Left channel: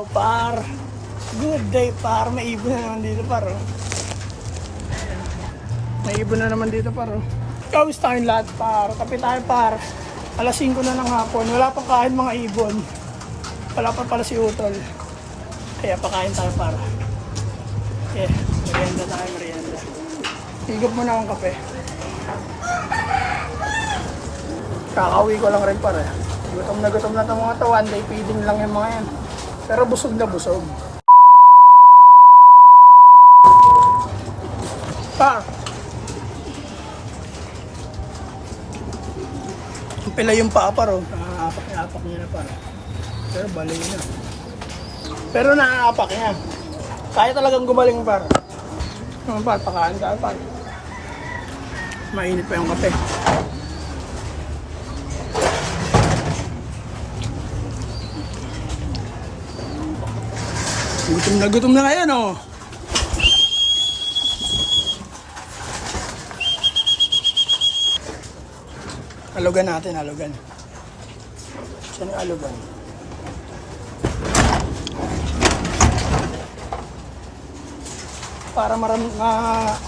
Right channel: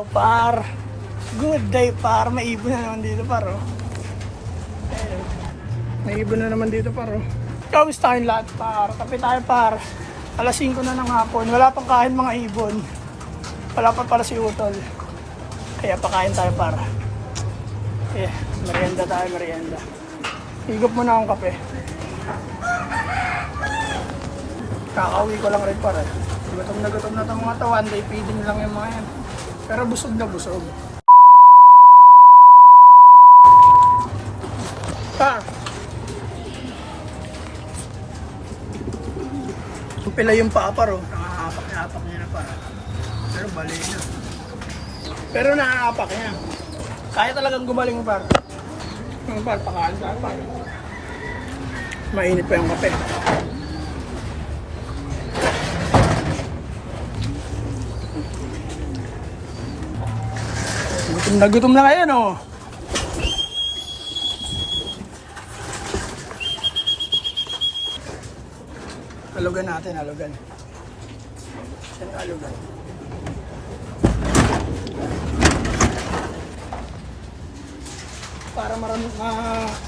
araw, par. Good day, par. May ibon na naman dito, par. Oh. May ibon na naman dito, par. Oh. Kamusta tayong lahat, par? Kape tayo, par. Alas 5 na ng hapon. Wala pang kain mga ibon. Wala pa pala si Utol. Kaya pakain tayo, par. Merienda tayo, merienda. Higop muna akong kape. Kakauwi ko lang rin, par. Gutom na itong mga to. One day feeding lang yung mga yan. Pero busog na busog. Pa! Pila yung paapar, oh. Nakaapak niya na, par. Pero bali na. Pero nakaapak niya. Kaya talagang gumaling, par. Par, pakain tayo, par. Mainit pa yung kape. Gutom na ngayon, oh. Alugan natin, alugan. Saan yung alugan? Para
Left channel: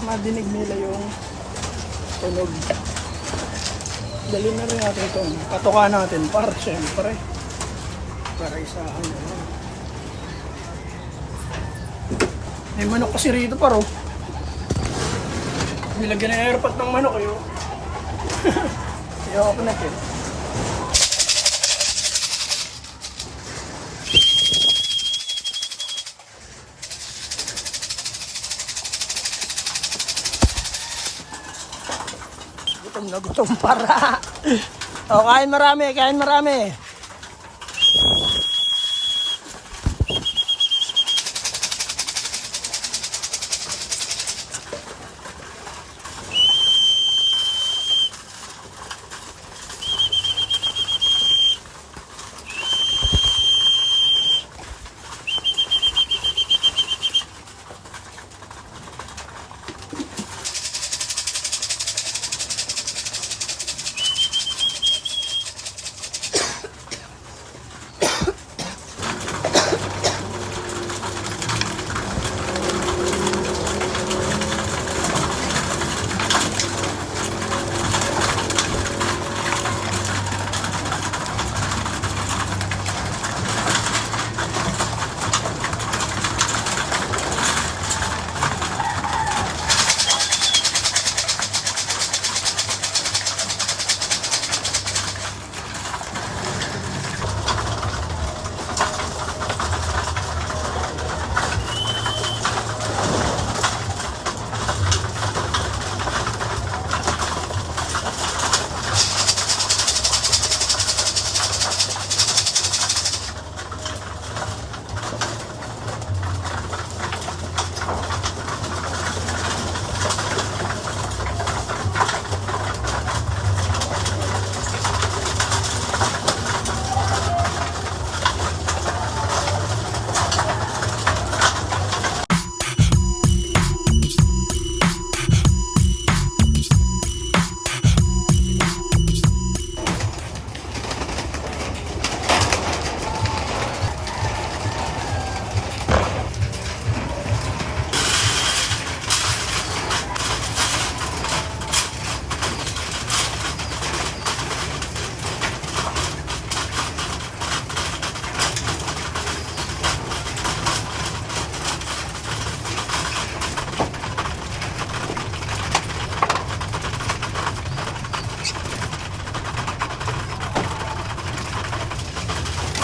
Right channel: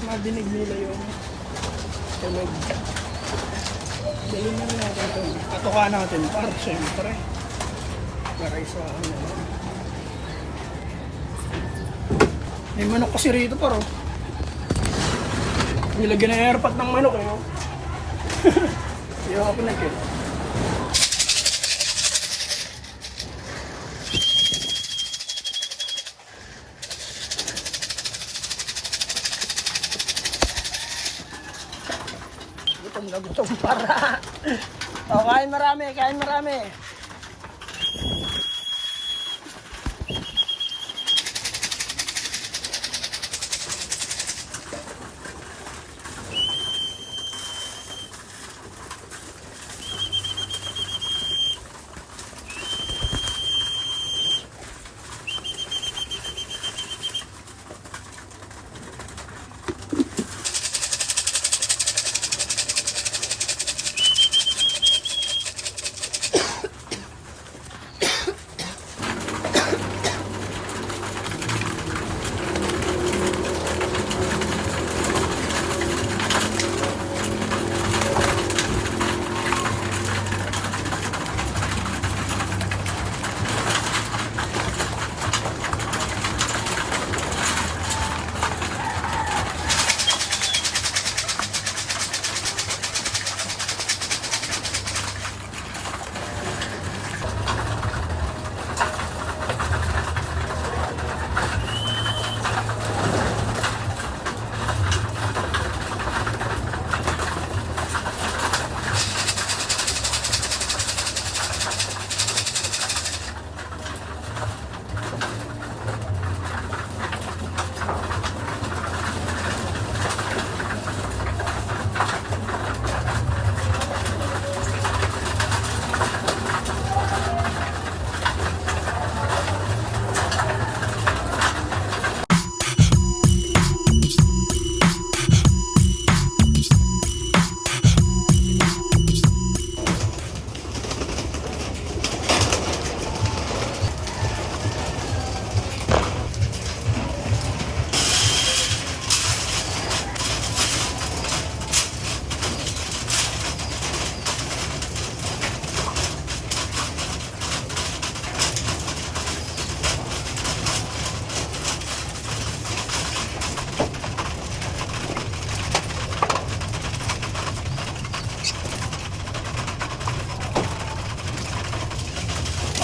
madinig nila yung tunog. Dali na rin natin ito. Patuka natin, par, siyempre. Para isahan na lang. May manok kasi rito, par, oh. Nilagyan na airpot ng manok, eh, oh. Ayaw ako na ito. Gutom na gutom, para. O, kain marami, kain marami.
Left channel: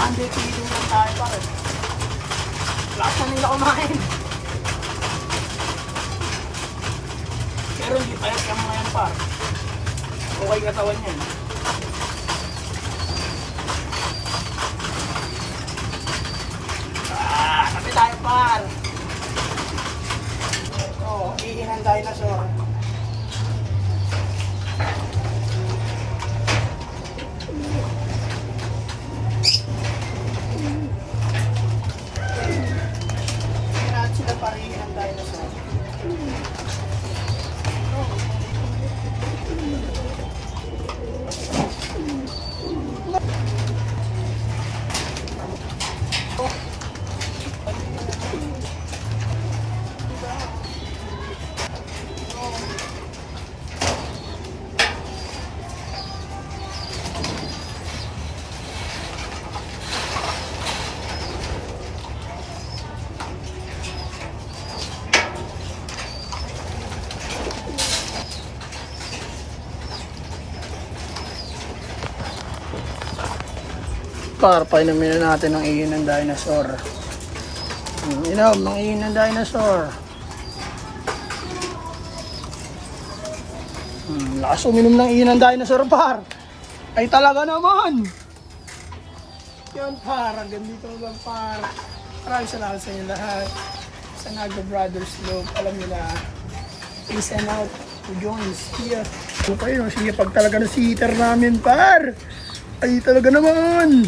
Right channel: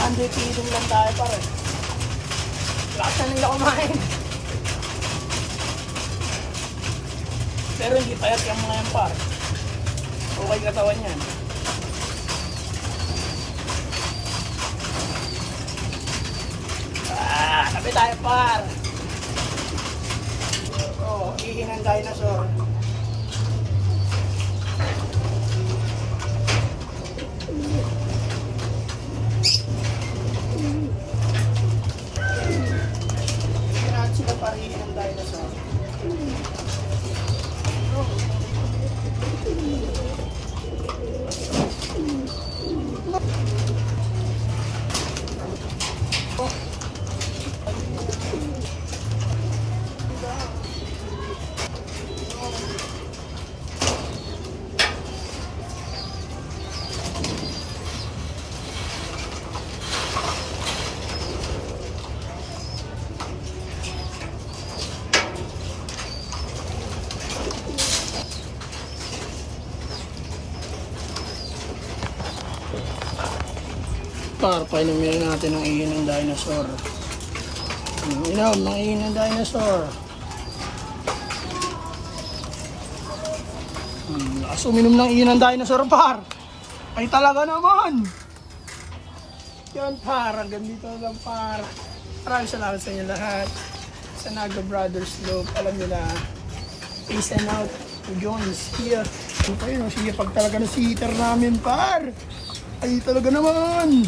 Hindi, feeding lang tayo, par. Lakas na nila kumain. Pero hindi payat yung mga yan, par. Okay katawan yan. Tabi tayo, par. Oo, ihi ng dinosaur. Sila parihin ng dinosaur. Par, painumin na natin ang ihin ng dinosaur. Inom, ng ihin ng dinosaur. Lakas uminom ng ihin ng dinosaur, par. Ay talaga naman. Yan, par. Hanggang dito lang, par. Maraming salamat sa inyo lahat. Sa Naga Brothers Loop. Alam nyo na, peace and out. To join, see ya. Okay, sige, pag talaga na si heater namin, par. Ay talaga naman.